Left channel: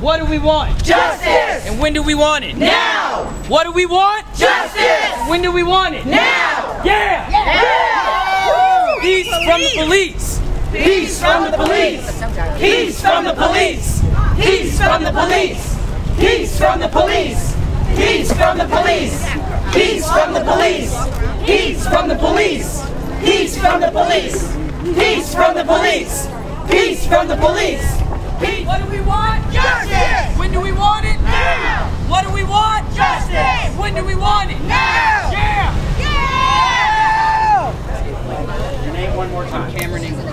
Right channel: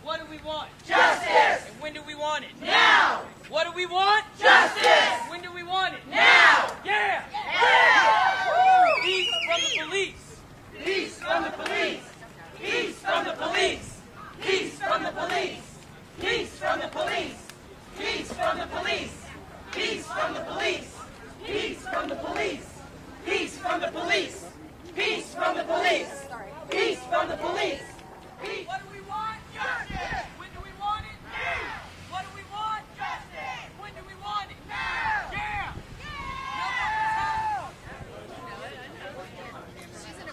What do we want? Justice! And when do we want it? Now! What do we want? Justice! And when do we want it? Now! Yeah! Yeah! Peace from the police! Peace from the police! Peace from the police! Peace from the police! Peace from the police! Peace from the police! Peace from the police! Peace from the police! Peace from the police! Peace from the police! Peace from the police! What do we want? Justice! When do we want it? Now! What do we want? Justice! When do we want it? Now! Yeah! Yeah! Your name one more time. Cameron English.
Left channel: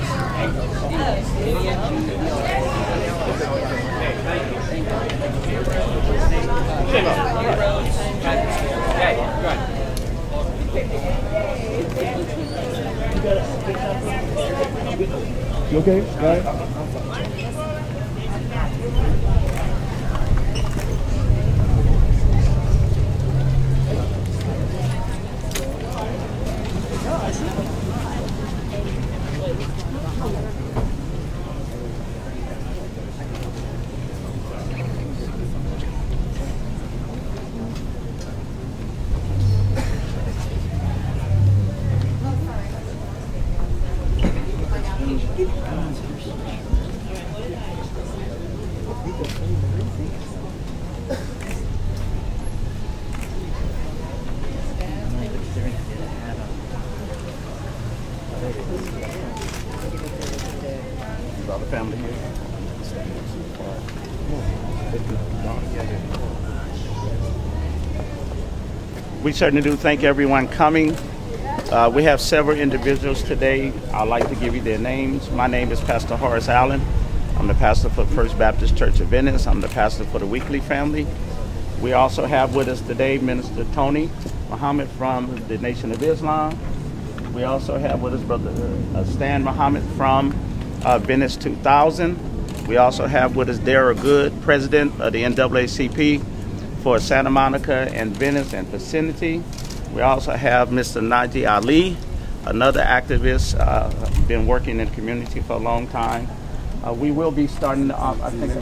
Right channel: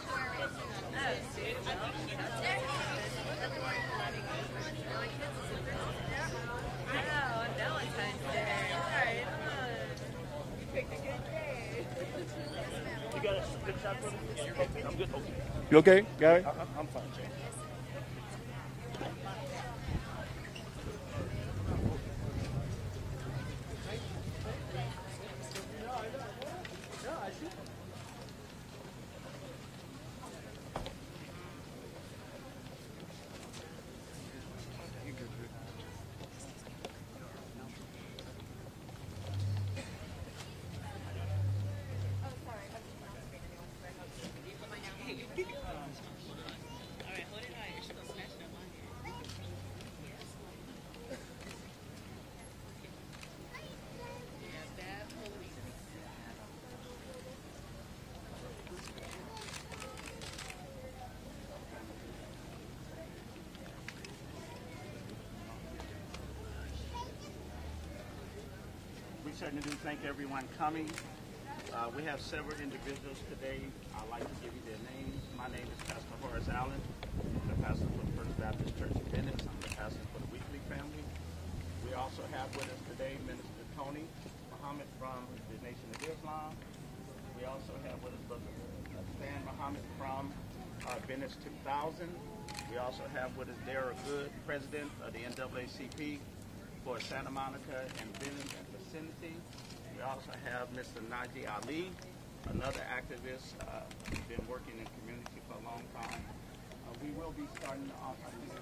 You okay? Got it? Family here. We certainly do thank everyone coming. We have several individuals today. I'd like to give you their names. My name is Pastor Horace Allen. I'm the pastor for First Baptist Church of Venice. I'm the pastor for the Weekley family. We also have with us today Minister Tony Muhammad from the Nation of Islam. We also have with us Brother Stan Muhammad from Venice 2000. We also have with us Dara Good, President of the NAACP for Santa Monica and Venice and vicinity. We also have Mr. Naji Ali, another activist, been working in the community for a long time. We will be starting, I think,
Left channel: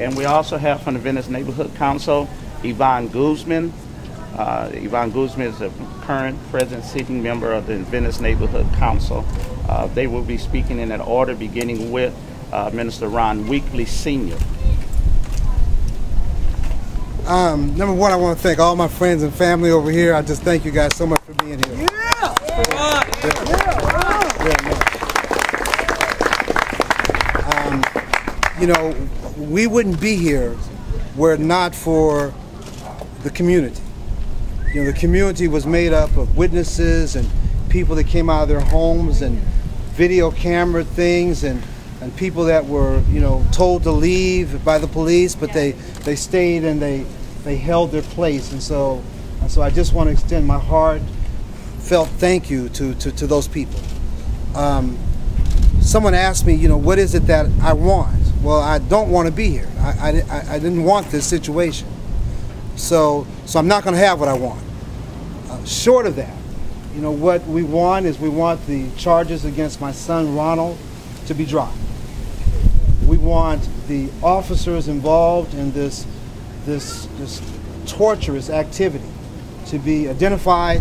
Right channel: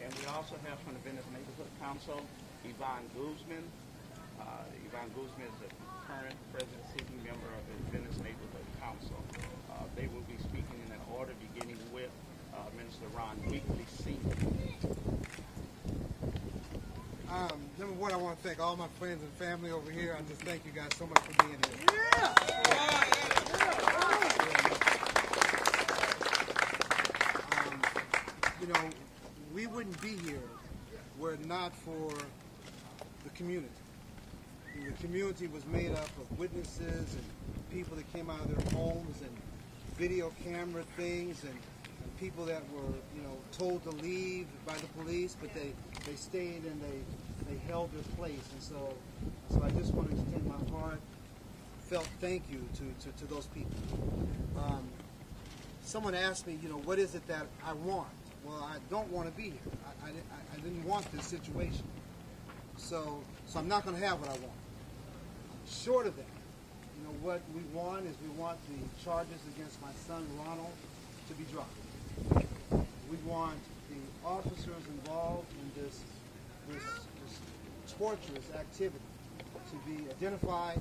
and we also have from the Venice Neighborhood Council, Yvonne Guzman. Yvonne Guzman is a current present sitting member of the Venice Neighborhood Council. They will be speaking in that order, beginning with Minister Ron Weekley Sr. Number one, I want to thank all my friends and family over here. I just thank you guys so much for being here. You know, we wouldn't be here were it not for the community. You know, the community was made up of witnesses and people that came out of their homes and video camera things and people that were, you know, told to leave by the police, but they stayed and they held their place. And so I just want to extend my heartfelt thank you to those people. Someone asked me, you know, what is it that I want? Well, I don't want to be here. I didn't want this situation. So I'm not going to have what I want. Short of that, you know, what we want is we want the charges against my son Ronald to be dropped. We want the officers involved in this torturous activity to be identified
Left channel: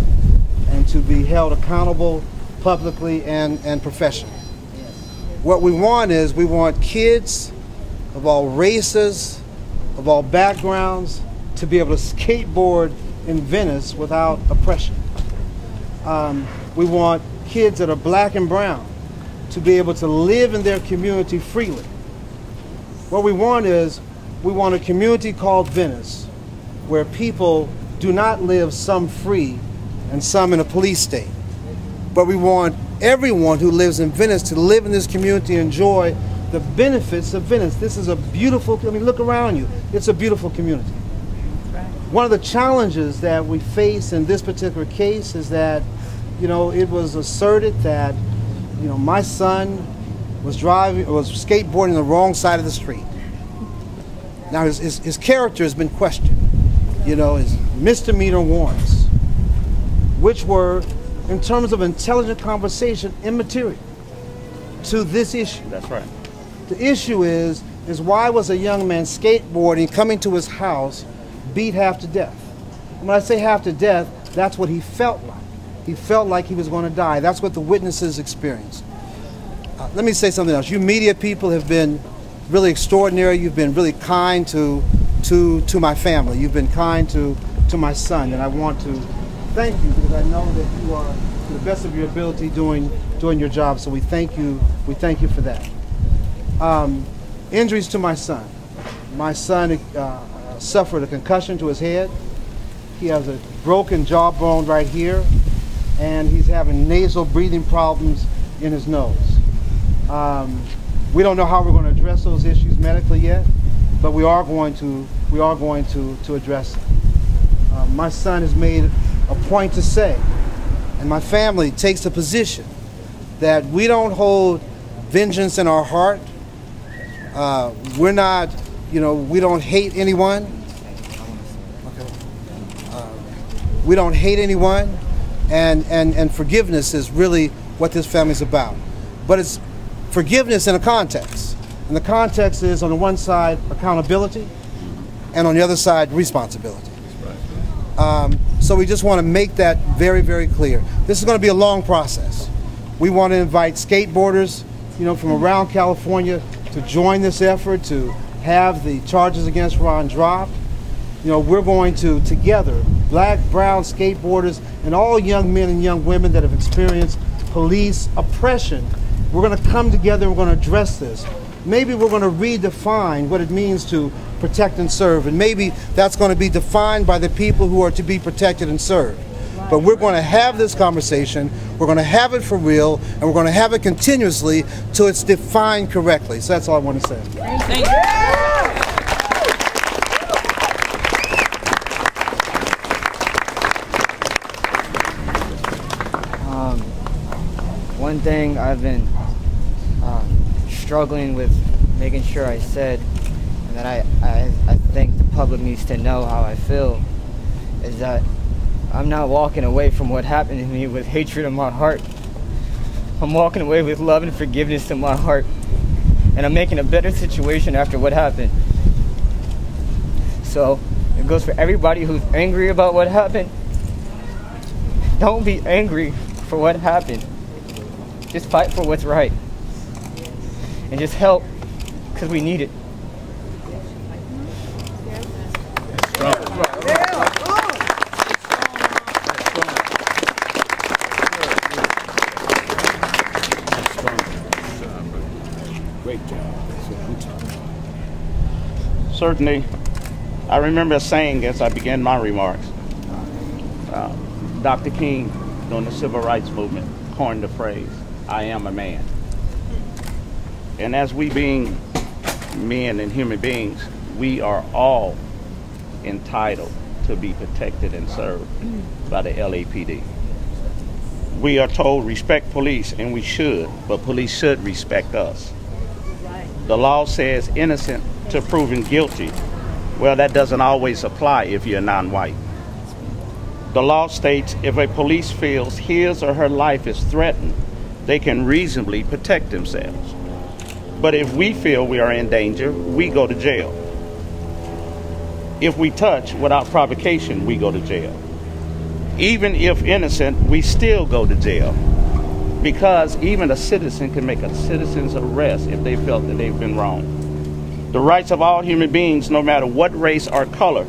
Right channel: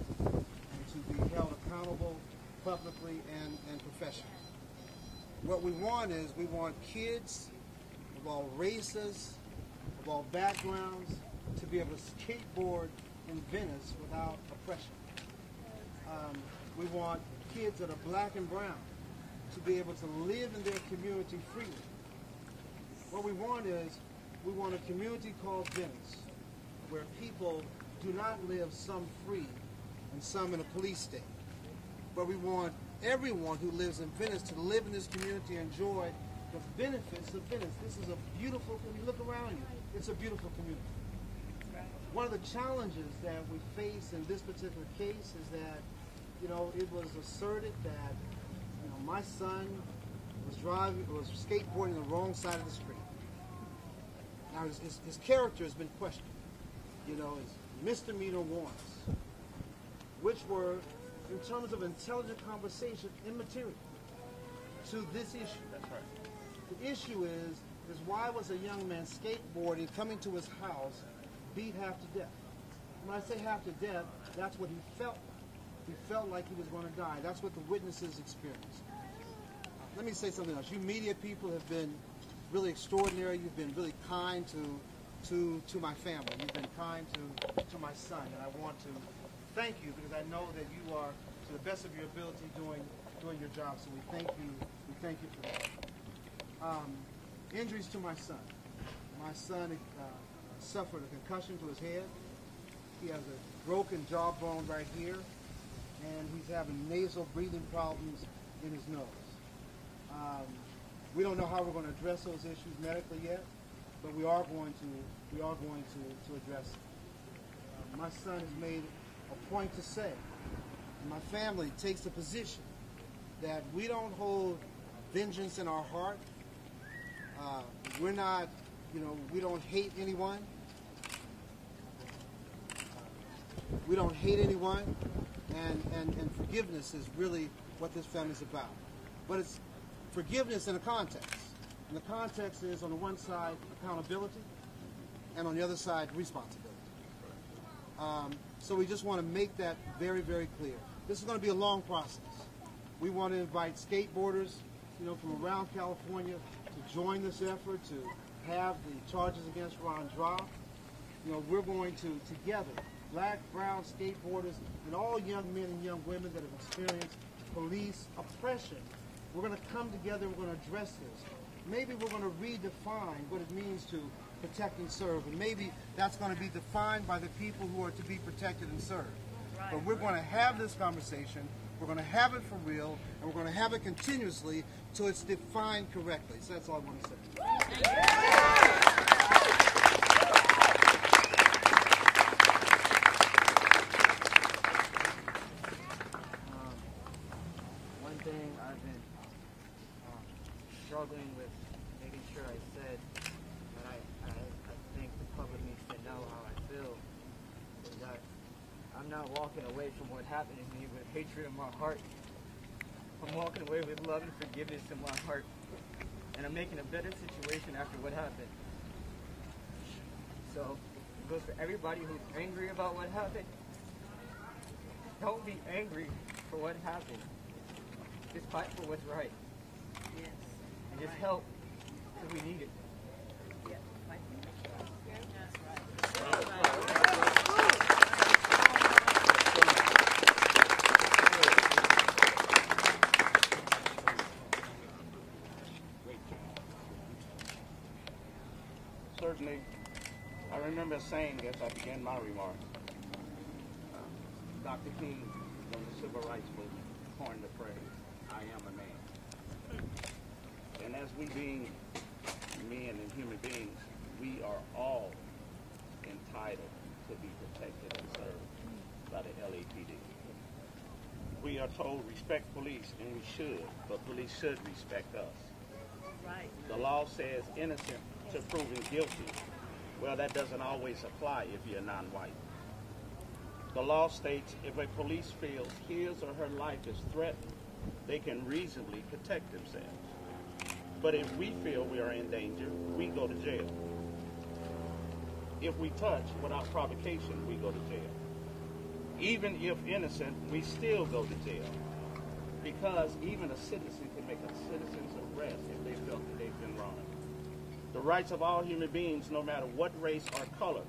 and to be held accountable publicly and professionally. What we want is we want kids of all races, of all backgrounds, to be able to skateboard in Venice without oppression. We want kids that are black and brown to be able to live in their community freely. What we want is, we want a community called Venice where people do not live some free and some in a police state. But we want everyone who lives in Venice to live in this community and enjoy the benefits of Venice. This is a beautiful, I mean, look around you. It's a beautiful community. One of the challenges that we face in this particular case is that, you know, it was asserted that, you know, my son was skateboarding the wrong side of the street. Now his character has been questioned. You know, his misdemeanor warrants, which were in terms of intelligent conversation immaterial to this issue. That's right. The issue is why was a young man skateboarding, coming to his house, beat half to death? And when I say half to death, that's what he felt like. He felt like he was going to die. That's what the witnesses experienced. Let me say something else. You media people have been really extraordinary. You've been really kind to my family. You've been kind to my son, and I want to thank you because I know that you are, to the best of your ability, doing your job. So we thank you. We thank you for that. Injuries to my son. My son suffered a concussion to his head. He has a broken jawbone right here, and he's having nasal breathing problems in his nose. We don't know how we're going to address those issues medically yet, but we are going to address them. My son has made a point to say, and my family takes a position, that we don't hold vengeance in our heart. We're not, we don't hate anyone. We don't hate anyone, and forgiveness is really what this family's about. But it's forgiveness in a context. And the context is, on the one side, accountability, and on the other side, responsibility. So we just want to make that very, very clear. This is going to be a long process. We want to invite skateboarders, from around California to join this effort, to have the charges against Ron dropped. We're going to, together, black, brown skateboarders, and all young men and young women that have experienced police oppression, we're going to come together and we're going to address this. Maybe we're going to redefine what it means to protect and serve, and maybe that's going to be defined by the people who are to be protected and served. But we're going to have this conversation, we're going to have it for real, and we're going to have it continuously till it's defined correctly. So that's all I want to say. Thank you. One thing I've been struggling with making sure I said, and that I think the public needs to know how I feel, is that I'm not walking away from what happened to me with hatred in my heart. I'm walking away with love and forgiveness in my heart, and I'm making a better situation after what happened. So it goes for everybody who's angry about what happened. Don't be angry for what happened. Just fight for what's right. And just help, because we need it. Great job. Certainly, I remember a saying as I began my remarks. Dr. King, during the Civil Rights Movement, coined the phrase, "I am a man." And as we being men and human beings, we are all entitled to be protected and served by the LAPD. We are told respect police, and we should, but police should respect us. The law says innocent to proven guilty. Well, that doesn't always apply if you're non-white. The law states if a police feels his or her life is threatened, they can reasonably protect themselves. But if we feel we are in danger, we go to jail. If we touch without provocation, we go to jail. Even if innocent, we still go to jail, because even a citizen can make a citizen's arrest if they felt that they've been wronged. The rights of all human beings, no matter what race or color,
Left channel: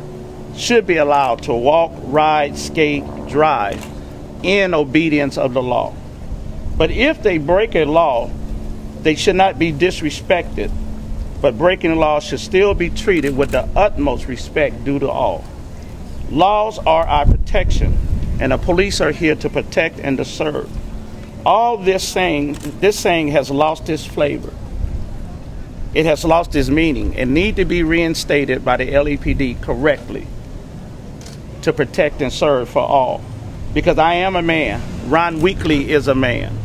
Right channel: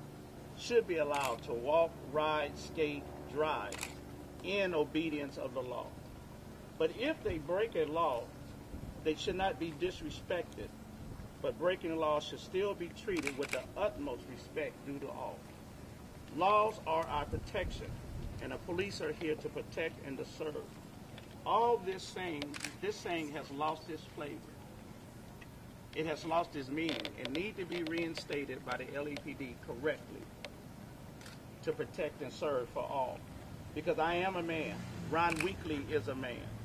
should be allowed to walk, ride, skate, drive in obedience of the law. But if they break a law, they should not be disrespected, but breaking the law should still be treated with the utmost respect due to all. Laws are our protection, and the police are here to protect and to serve. All this saying has lost its flavor. It has lost its meaning and need to be reinstated by the LAPD correctly to protect and serve for all. Because I am a man. Ron Weekley is a man.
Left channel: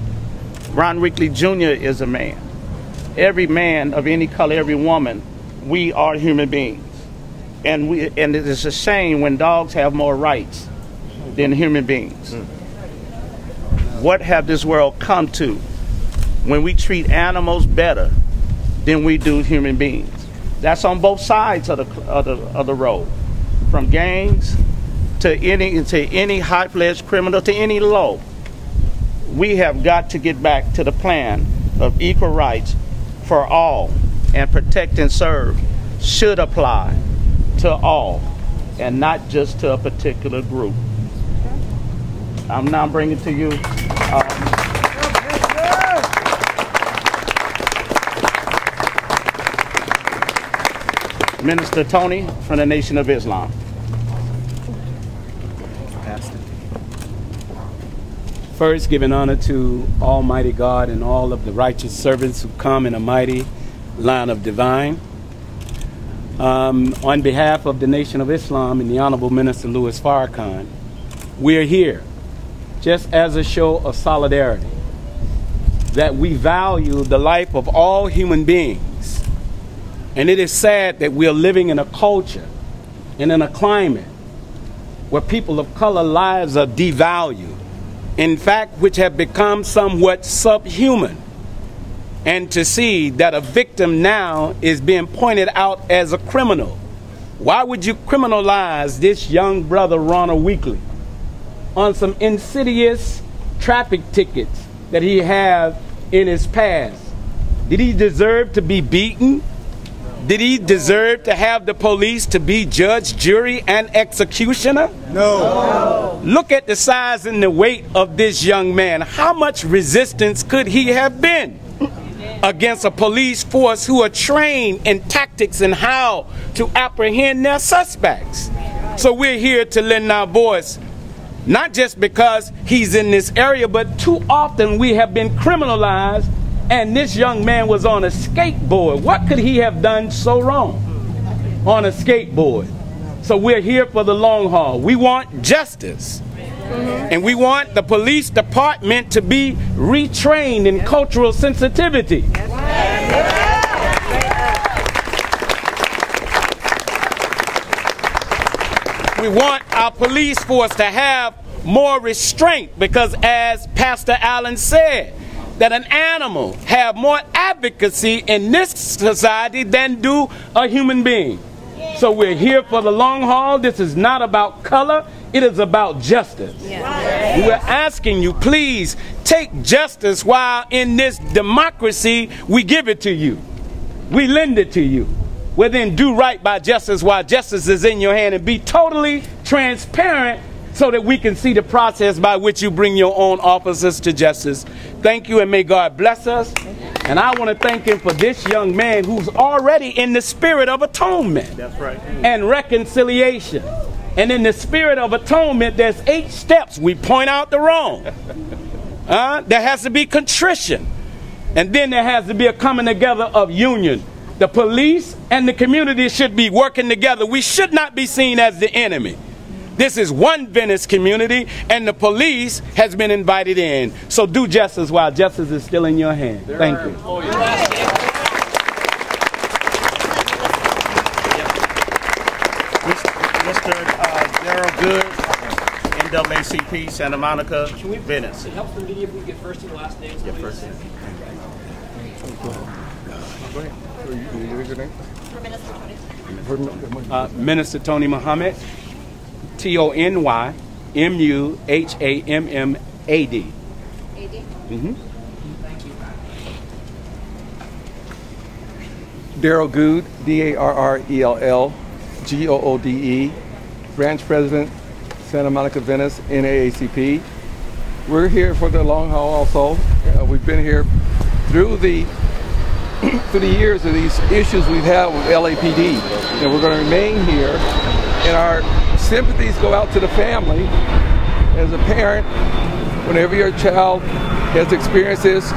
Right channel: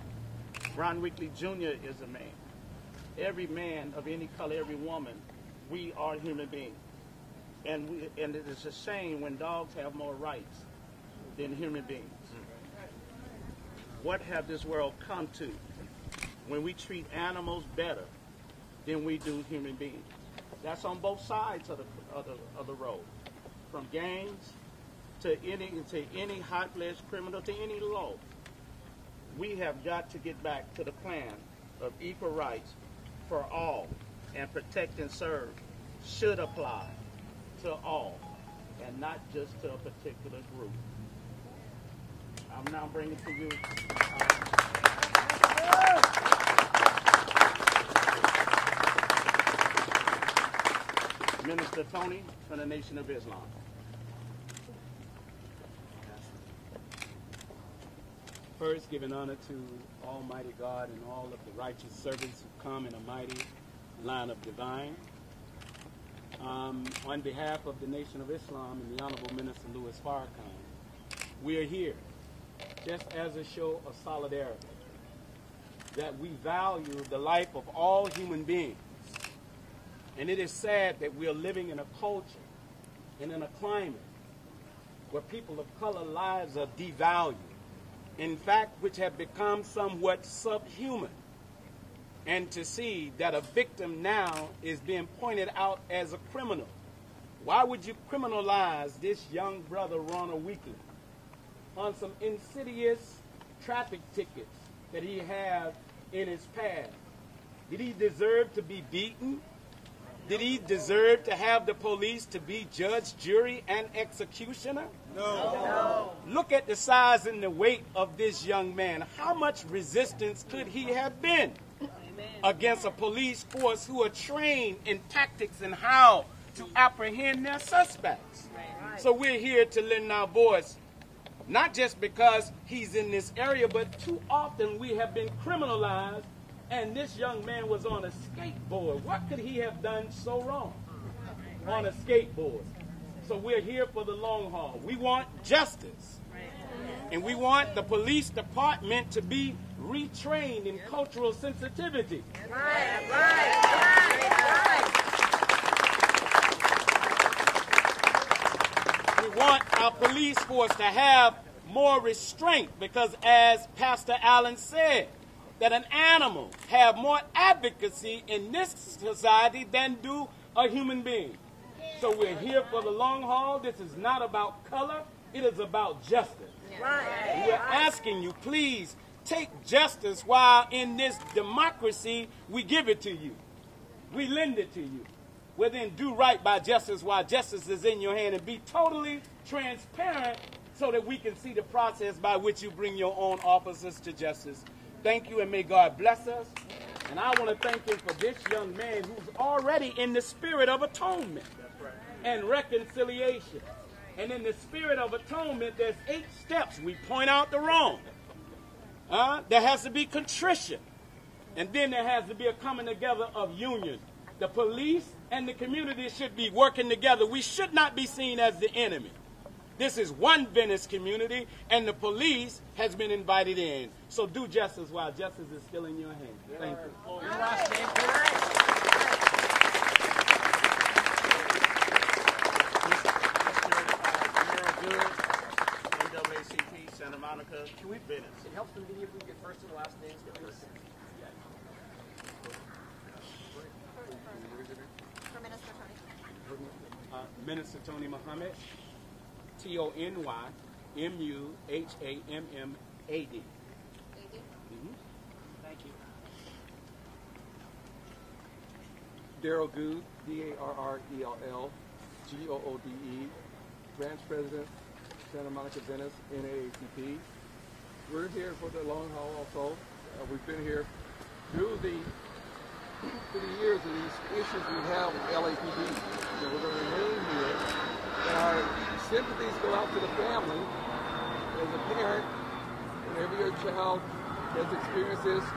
Ron Weekley Jr. is a man. Every man of any color, every woman, we are human beings. And it is a shame when dogs have more rights than human beings. What have this world come to when we treat animals better than we do human beings? That's on both sides of the road, from gangs to any high-fledged criminal to any low. We have got to get back to the plan of equal rights for all, and protect and serve should apply to all and not just to a particular group. I'm now bringing to you Minister Tony from the Nation of Islam. First, giving honor to Almighty God and all of the righteous servants who come in a mighty line of divine. On behalf of the Nation of Islam and the Honorable Minister Louis Farrakhan, we're here just as a show of solidarity, that we value the life of all human beings. And it is sad that we are living in a culture and in a climate where people of color lives are devalued, in fact, which have become somewhat subhuman. And to see that a victim now is being pointed out as a criminal. Why would you criminalize this young brother, Ronald Weekley, on some insidious traffic tickets that he had in his past? Did he deserve to be beaten? Did he deserve to have the police to be judge, jury, and executioner? No. Look at the size and the weight of this young man. How much resistance could he have been against a police force who are trained in tactics and how to apprehend their suspects? So we're here to lend our voice, not just because he's in this area, but too often we have been criminalized. And this young man was on a skateboard. What could he have done so wrong on a skateboard? So we're here for the long haul. We want justice. And we want the police department to be retrained in cultural sensitivity. We want our police force to have more restraint, because as Pastor Allen said, that an animal have more advocacy in this society than do a human being. So we're here for the long haul. This is not about color. It is about justice. We're asking you, please take justice while in this democracy we give it to you. We lend it to you. Well, then do right by justice while justice is in your hand, and be totally transparent so that we can see the process by which you bring your own officers to justice. Thank you, and may God bless us. And I want to thank him for this young man who's already in the spirit of atonement. That's right. And reconciliation. And in the spirit of atonement, there's 8 steps. We point out the wrong. There has to be contrition. And then there has to be a coming together of union. The police and the community should be working together. We should not be seen as the enemy. This is one Venice community, and the police has been invited in. So do justice while justice is still in your hand. Thank you. Mr. Gerald Good, NAACP, Santa Monica, Venice. It helps the media if we get first and last names. Yeah, first name. Minister Tony Muhammad. T-O-N-Y-M-U-H-A-M-M-A-D. Darrell Good, D-A-R-R-E-L-L-G-O-O-D-E, Branch President, Santa Monica, Venice, NAACP. We're here for the long haul also. We've been here through the years of these issues we've had with LAPD, and we're going to remain here. And our sympathies go out to the family. As a parent, whenever your child has experienced this,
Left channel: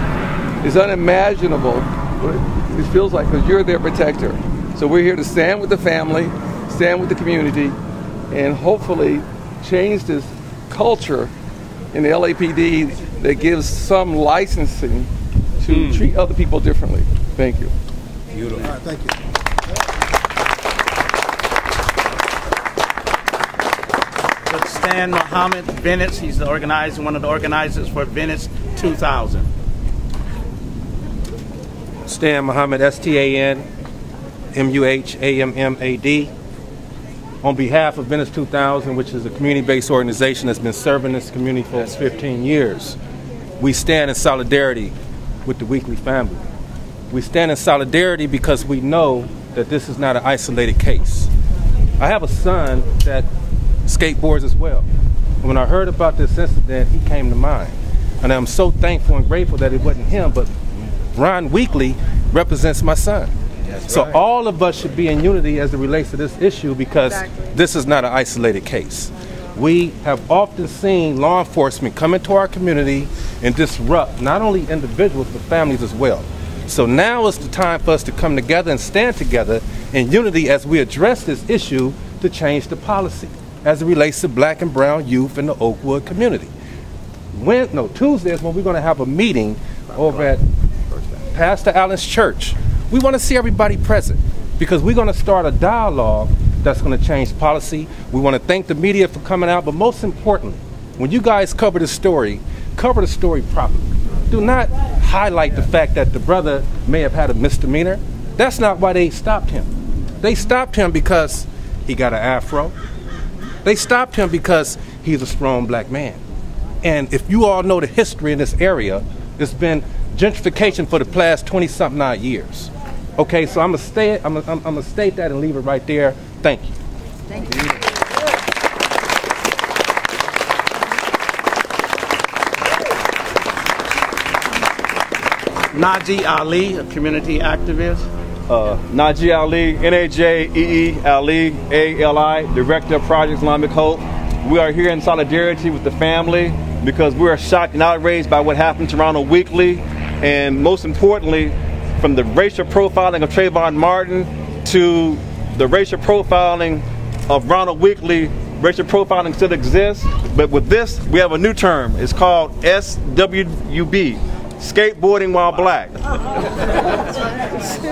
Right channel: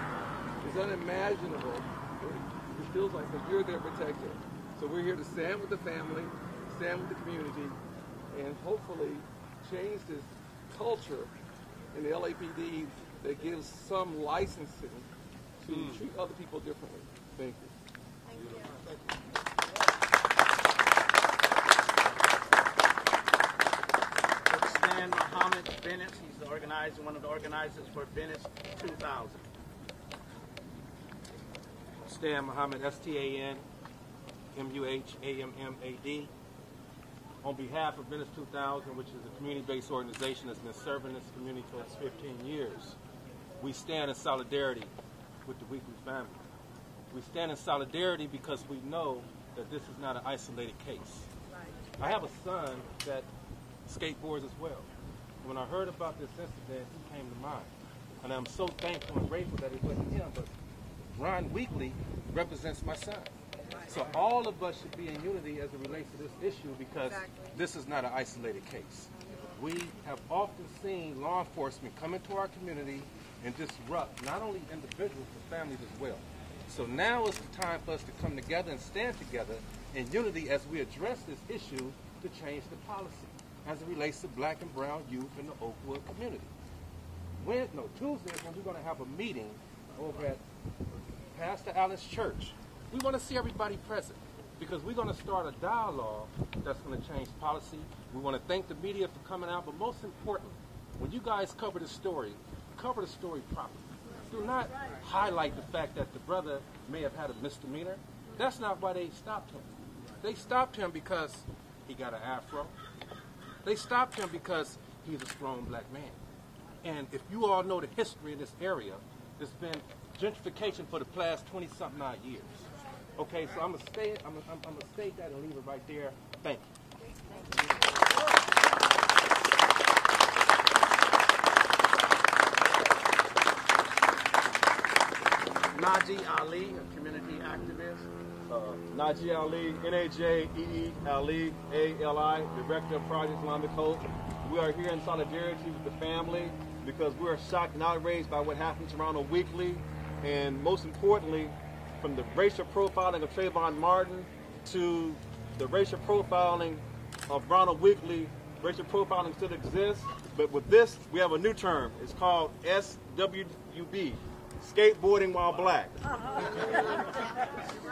it's unimaginable what it feels like, because you're their protector. So we're here to stand with the family, stand with the community, and hopefully change this culture in the LAPD that gives some licensing to treat other people differently. Thank you. Beautiful. All right, thank you. Mr. Stan Muhammad, Venice. He's the organizer, one of the organizers for Venice 2000. Stan Muhammad, S-T-A-N M-U-H-A-M-M-A-D. On behalf of Venice 2000, which is a community-based organization that's been serving this community for 15 years, we stand in solidarity with the Weekley family. We stand in solidarity because we know that this is not an isolated case. I have a son that skateboards as well. When I heard about this incident, he came to mind. And I'm so thankful and grateful that it wasn't him, but Ron Weekley represents my son. So right. All of us should be in unity as it relates to this issue because this is not an isolated case. We have often seen law enforcement come into our community and disrupt not only individuals but families as well. So now is the time for us to come together and stand together in unity as we address this issue to change the policy as it relates to black and brown youth in the Oakwood community. Tuesday is when we're going to have a meeting over at Pastor Allen's church. We want to see everybody present because we're going to start a dialogue that's going to change policy. We want to thank the media for coming out, but most importantly, when you guys cover the story properly. Do not highlight the fact that the brother may have had a misdemeanor. That's not why they stopped him. They stopped him because he got an afro. They stopped him because he's a strong black man. And if you all know the history in this area, it's been gentrification for the past 20-something odd years. Okay, so I'm gonna state that and leave it right there. Thank you. Thank you. Najee Ali, a community activist. Najee Ali, N-A-J-E-E Ali, A-L-I, Director of Project Islamic Hope. We are here in solidarity with the family because we are shocked and outraged by what happened to Ronald Weekley, and most importantly, from the racial profiling of Trayvon Martin to the racial profiling of Ronald Weekley. Racial profiling still exists, but with this, we have a new term. It's called SWB, skateboarding while black.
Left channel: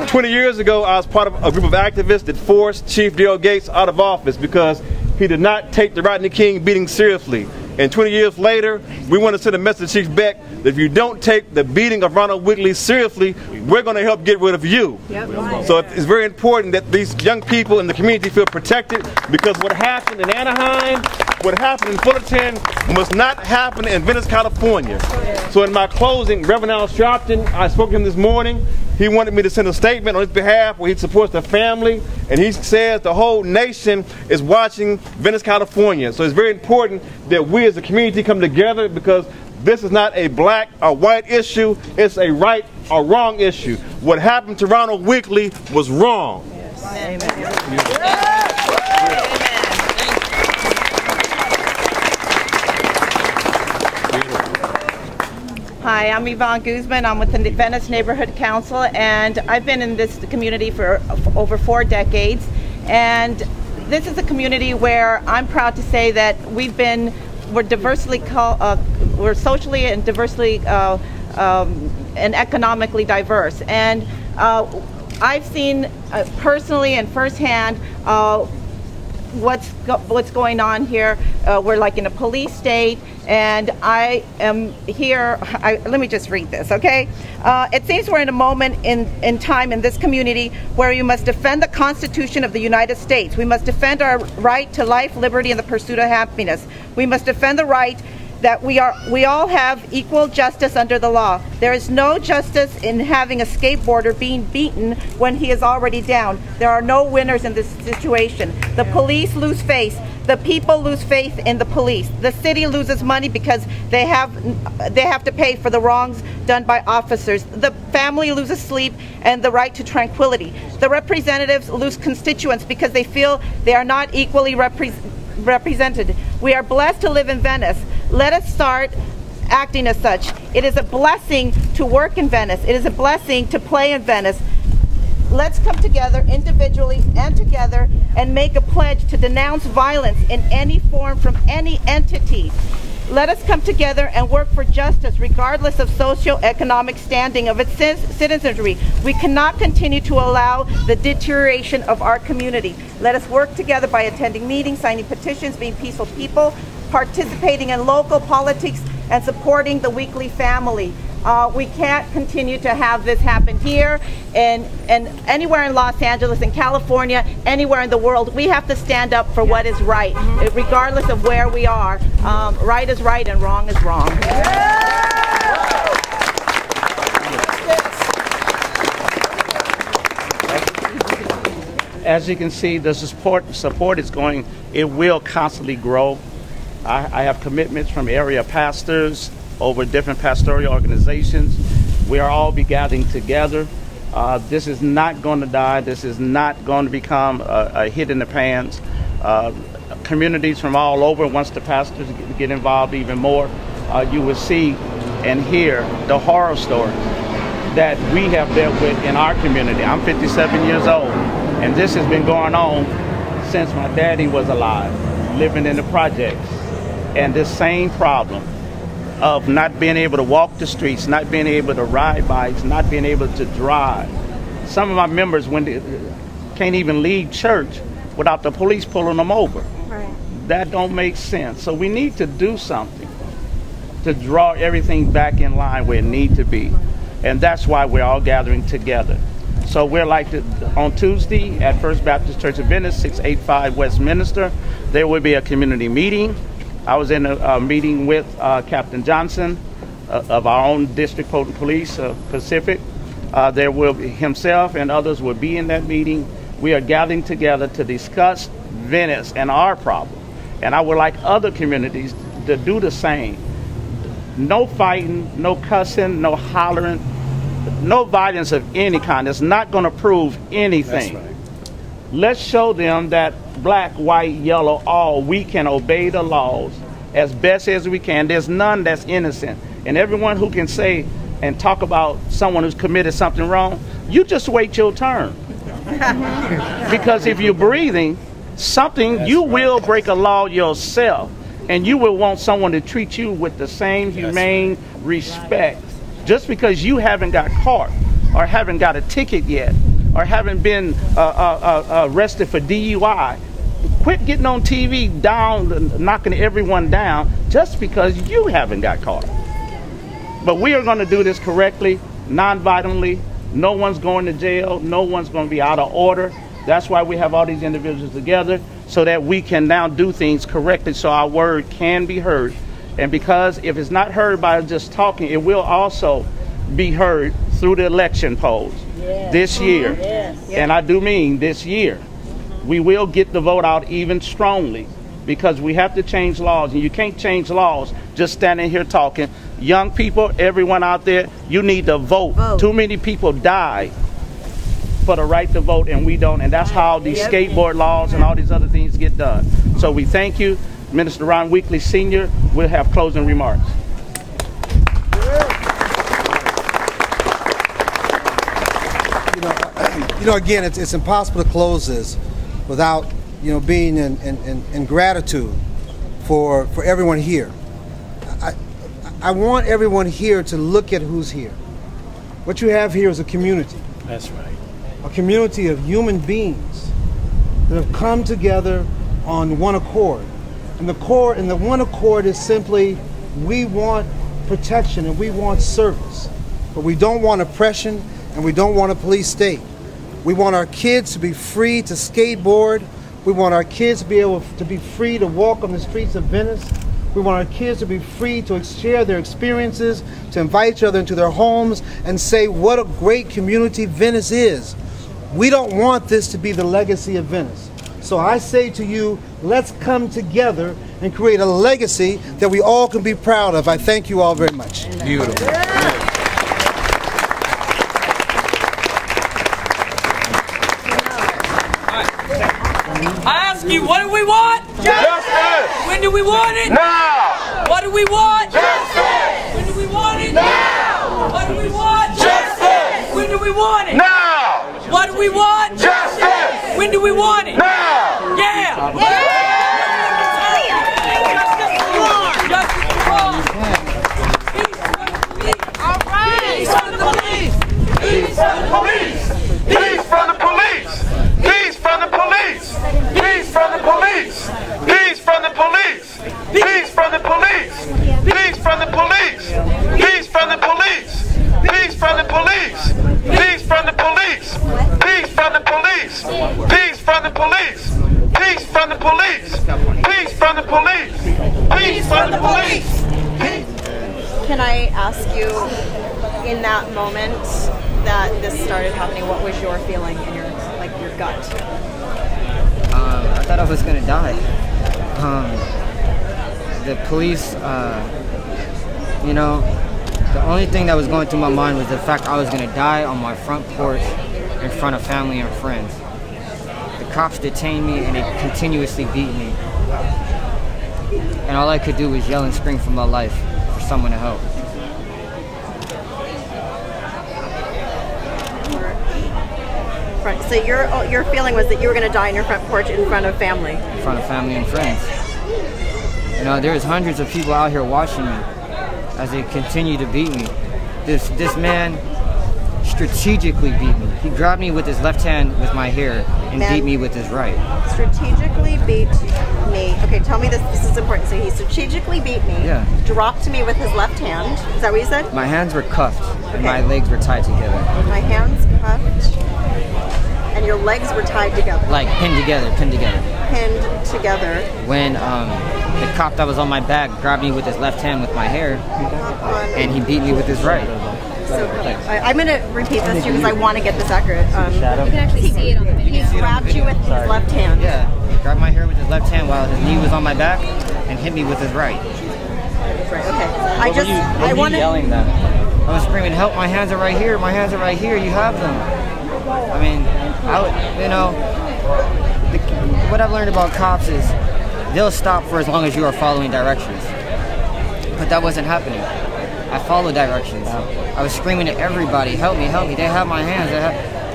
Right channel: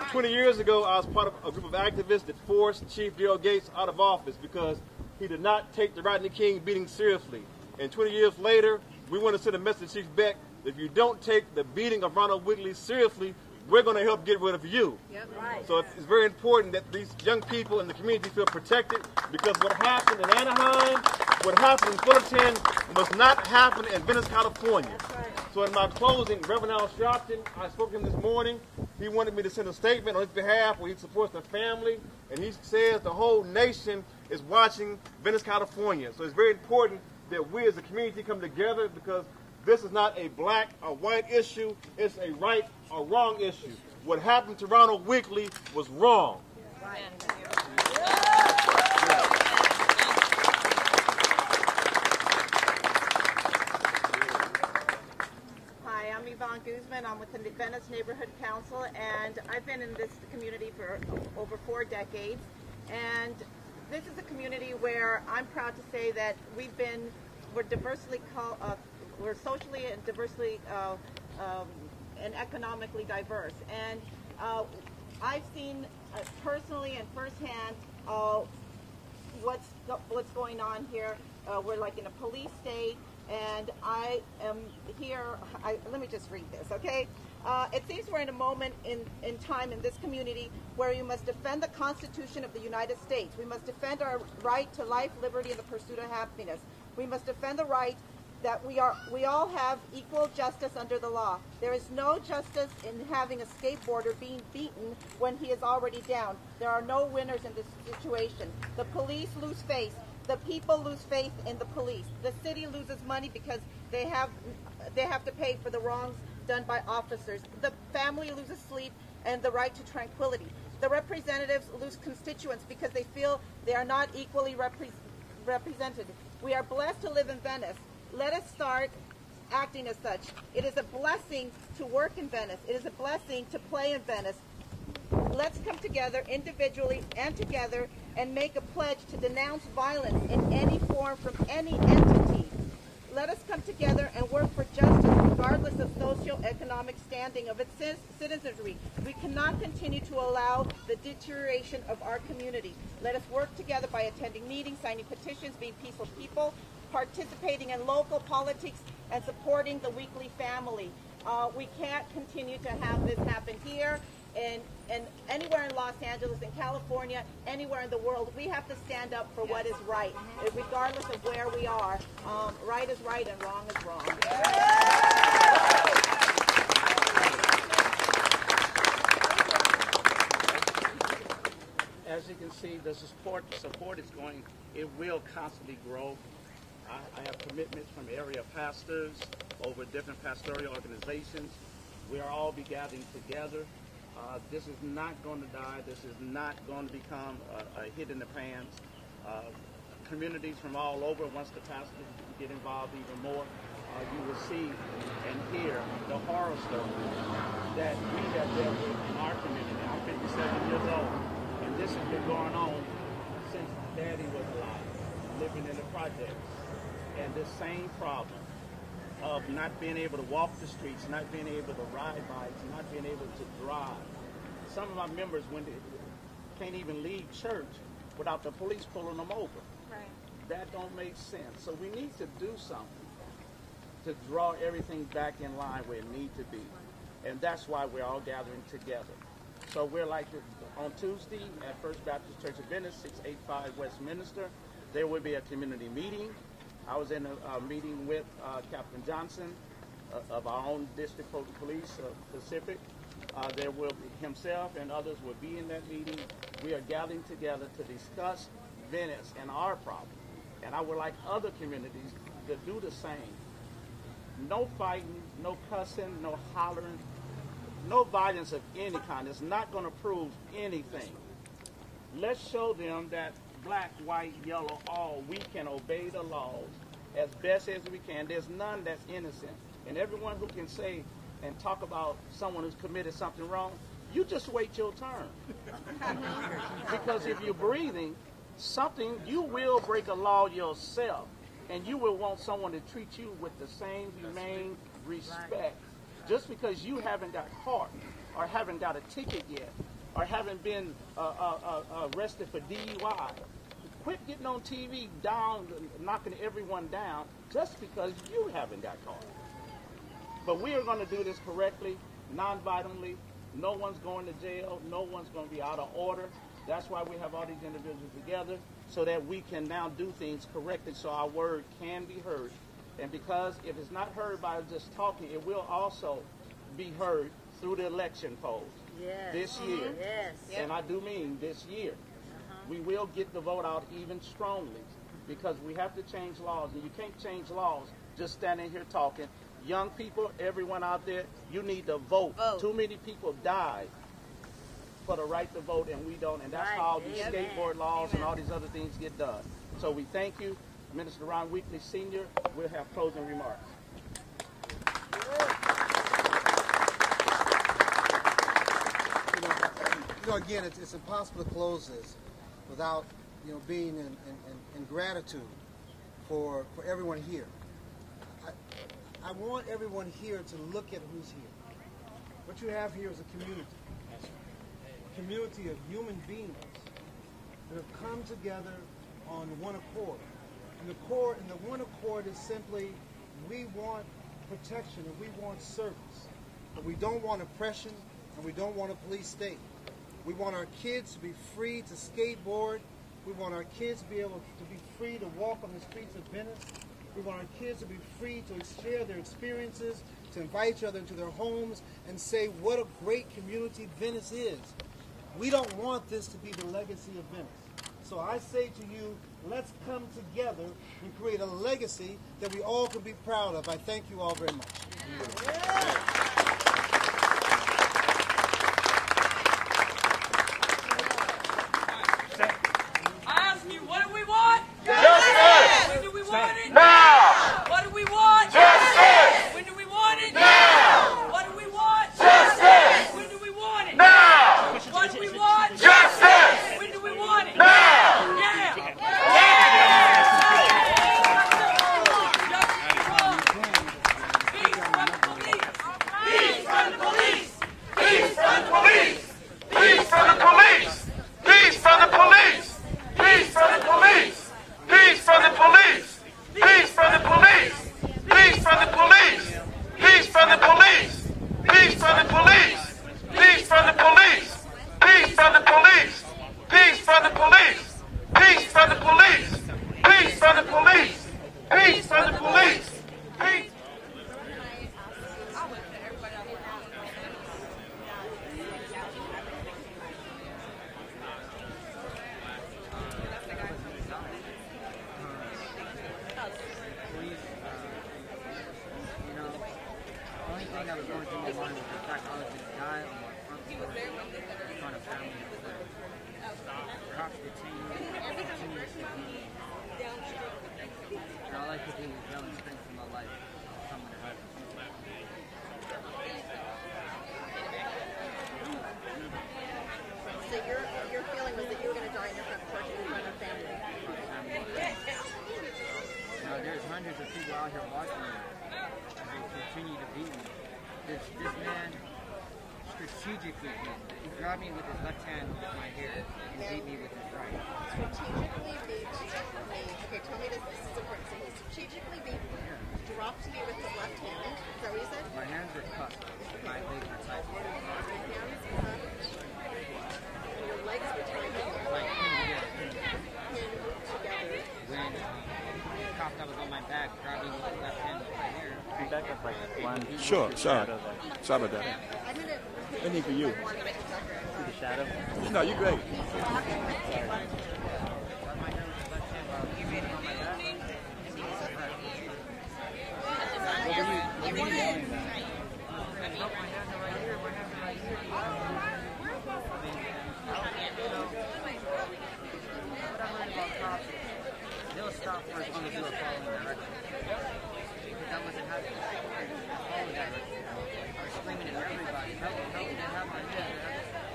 20 years ago, I was part of a group of activists that forced Chief Dale Gates out of office because he did not take the Rodney King beating seriously. And 20 years later, we want to send a message to Chief Beck that if you don't take the beating of Ronald Weekley seriously, we're going to help get rid of you. Yep. So it's very important that these young people in the community feel protected because what happened in Anaheim, what happened in Fullerton must not happen in Venice, California. So in my closing, Reverend Al Sharpton, I spoke to him this morning. He wanted me to send a statement on his behalf where he supports the family, and he says the whole nation is watching Venice, California. So it's very important that we as a community come together because this is not a black or white issue, it's a right or wrong issue. What happened to Ronald Weekley was wrong. Yes. Amen. Hi, I'm Yvonne Guzman. I'm with the Venice Neighborhood Council, and I've been in this community for over 4 decades. And this is a community where I'm proud to say that we're socially and diversely and economically diverse. And I've seen personally and firsthand what's going on here. We're like in a police state, and I am here. Let me just read this, okay? It seems we're in a moment in time in this community where we must defend the Constitution of the United States. We must defend our right to life, liberty, and the pursuit of happiness. We must defend the right that we all have equal justice under the law. There is no justice in having a skateboarder being beaten when he is already down. There are no winners in this situation. The police lose faith. The people lose faith in the police. The city loses money because they have to pay for the wrongs done by officers. The family loses sleep and the right to tranquility. The representatives lose constituents because they feel they are not equally represented. We are blessed to live in Venice. Let us start acting as such. It is a blessing to work in Venice. It is a blessing to play in Venice. Let's come together individually and together and make a pledge to denounce violence in any form from any entity. Let us come together and work for justice regardless of socioeconomic standing of its citizenry. We cannot continue to allow the deterioration of our community. Let us work together by attending meetings, signing petitions, being peaceful people, participating in local politics, and supporting the Weekley family. We can't continue to have this happen here and anywhere in Los Angeles, in California, anywhere in the world. We have to stand up for what is right, regardless of where we are. Right is right and wrong is wrong. As you can see, the support is going, it will constantly grow. I have commitments from area pastors over different pastoral organizations. We are all be gathering together. This is not going to die. This is not going to become a hit in the pants. Communities from all over, once the pastors get involved even more, you will see and hear the horror stories that we have dealt with in our community. I'm 57 years old, and this has been going on since my daddy was alive, living in the projects. And this same problem of not being able to walk the streets, not being able to ride bikes, not being able to drive. Some of my members can't even leave church without the police pulling them over. Right. That don't make sense. So we need to do something to draw everything back in line where it needs to be. And that's why we're all gathering together. So we're on Tuesday at First Baptist Church of Venice, 685 Westminster, there will be a community meeting. I was in a meeting with Captain Johnson of our own district police, Pacific. There will be himself and others will be in that meeting. We are gathering together to discuss Venice and our problem. And I would like other communities to do the same. No fighting, no cussing, no hollering, no violence of any kind. It's not going to prove anything. That's right. Let's show them that black, white, yellow, all, we can obey the laws as best as we can. There's none that's innocent. And everyone who can say and talk about someone who's committed something wrong, you just wait your turn. Because if you're breathing something, you will break a law yourself. And you will want someone to treat you with the same humane respect. Just because you haven't got caught or haven't got a ticket yet or haven't been arrested for DUI, quit getting on TV knocking everyone down just because you haven't got caught. But we are going to do this correctly, non-violently. No one's going to jail. No one's going to be out of order. That's why we have all these individuals together, so that we can now do things correctly so our word can be heard. And because if it's not heard by just talking, it will also be heard through the election polls this year. And I do mean this year. We will get the vote out even strongly because we have to change laws. And you can't change laws just standing here talking. Young people, everyone out there, you need to vote. Too many people die for the right to vote, and we don't. And that's how these skateboard laws and all these other things get done. So we thank you. Minister Ronald Weekley Sr. will have closing remarks. You know, again, it's impossible to close this without, being in gratitude for everyone here. I want everyone here to look at who's here. What you have here is a community. That's right. A community of human beings that have come together on one accord. And the one accord is simply, we want protection and we want service. But we don't want oppression and we don't want a police state. We want our kids to be free to skateboard. We want our kids to be able to be free to walk on the streets of Venice. We want our kids to be free to share their experiences, to invite each other into their homes and say what a great community Venice is. We don't want this to be the legacy of Venice. So I say to you, let's come together and create a legacy that we all can be proud of. I thank you all very much. Beautiful. I ask you, what do we want? Justice! When do we want it? Now! What do we want? Justice! When do we want it? Now! What do we want? Justice! When do we want it? Now! What do we want? Justice! When do we want it? Now! Yeah! Justice for police! Peace from the police! Peace from the police! Peace from the police! Peace from the police! Peace from the police! Peace from the police! Can I ask you, in that moment that this started happening, what was your feeling in your gut? I thought I was gonna die. The police, you know, the only thing that was going through my mind was the fact I was gonna die on my front porch in front of family and friends. The cops detained me and they continuously beat me. And all I could do was yell and scream for my life, for someone to help. So your feeling was that you were going to die on your front porch in front of family? In front of family and friends. You know, there's hundreds of people out here watching me as they continue to beat me. This man strategically beat me. He grabbed me with his left hand with my hair and beat me with his right. Strategically beat me. Okay, tell me this. This is important. So he strategically beat me. Yeah. Dropped me with his left hand. Is that what you said? My hands were cuffed and my legs were tied together. My hands cuffed and your legs were tied together. Like pinned together. Pinned together. When the cop that was on my back grabbed me with his left hand with my hair and he beat me with his right. I'm going to repeat this to you because I want to get this accurate. You can actually see it. He grabbed you with his left hand. Yeah, he grabbed my hair with his left hand while his knee was on my back and hit me with his right. Right, okay. I wanted yelling that. I was screaming, help, my hands are right here, my hands are right here, you have them. I mean, you know, what I've learned about cops is they'll stop for as long as you are following directions. But that wasn't happening. I followed directions. I was screaming at everybody, help me, they have my hands.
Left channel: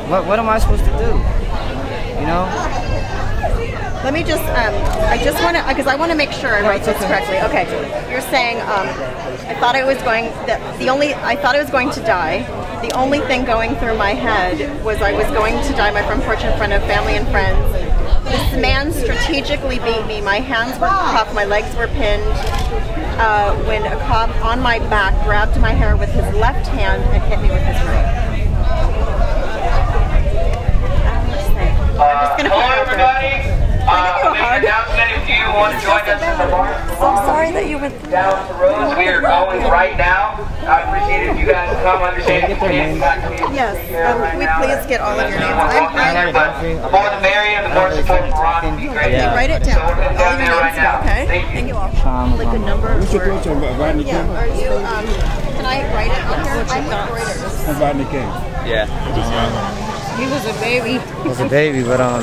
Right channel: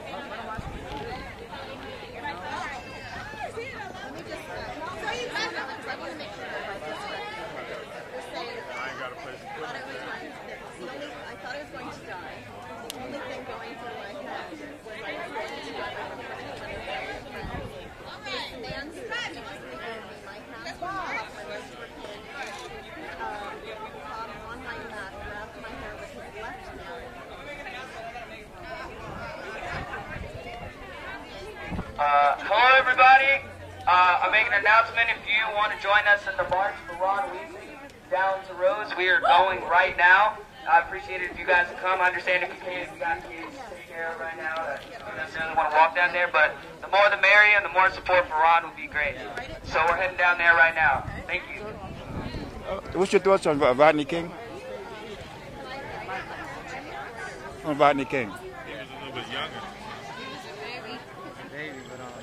What am I supposed to do? You know? Let me just, I just want to, because I want to make sure I write this correctly. Okay, you're saying, I thought I was going to die. The only thing going through my head was I was going to die on my front porch in front of family and friends. This man strategically beat me. My hands were cuffed, my legs were pinned. When a cop on my back grabbed my hair with his left hand and hit me with his right. I'm just going to hello everybody. Make an announcement if you want to join us in the bar. I'm sorry that you went down the roads. We are going right now. I appreciate it if you guys come. Understand if you can't. Yes, we please get all of your names. But the more the merrier, the more support for Ron would be great. Okay, write it down. So we're heading down there right now. Okay. Thank you. Like a number. What's your thoughts on Rodney King? Are you? Can I write it on here? I'm with Reuters. On Rodney King. Yeah. He was a baby. He was a baby, but I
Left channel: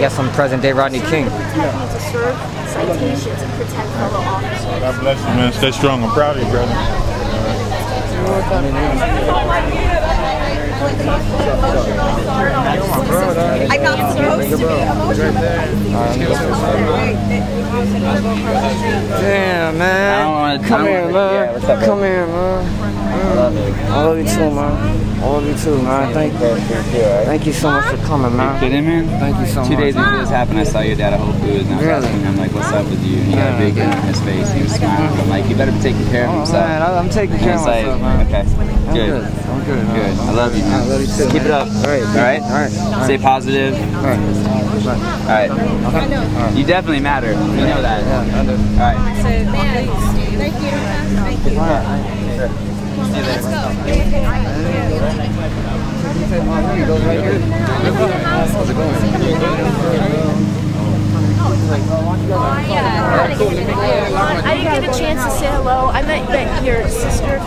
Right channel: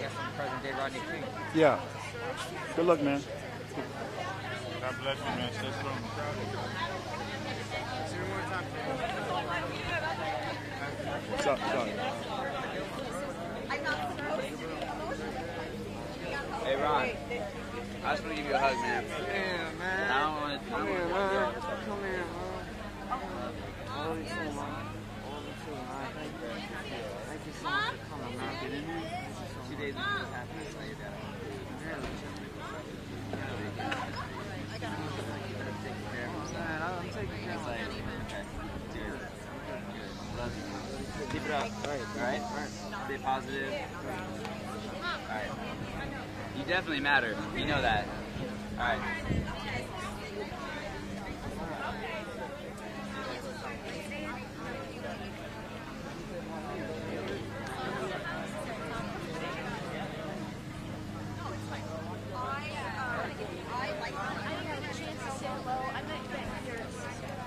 guess I'm present day Rodney King. Yeah. To serve citations and protect fellow officers. God bless you, man. Stay strong. I'm proud of you, brother. I'm not supposed to be emotional. Damn, man. Come here, man. Come here, man. I love you too, man. I love you too, man. Thank you so much for coming, man. You kidding, man? Thank you so much. 2 days before this happened, I saw your dad at Whole Foods, and I was asking him, like, what's up with you? And he got a big grin on his face. He was smiling. I'm like, you better be taking care of himself. Man, I'm taking care of myself, man. Okay, good. I'm good. Good. I love you, man. I love you too. Keep it up. All right? Stay positive. All right. You definitely matter. You know that. Yeah, I do. All right. Thank you. Thank you. Let's go. I didn't get a chance to say hello. I met your sister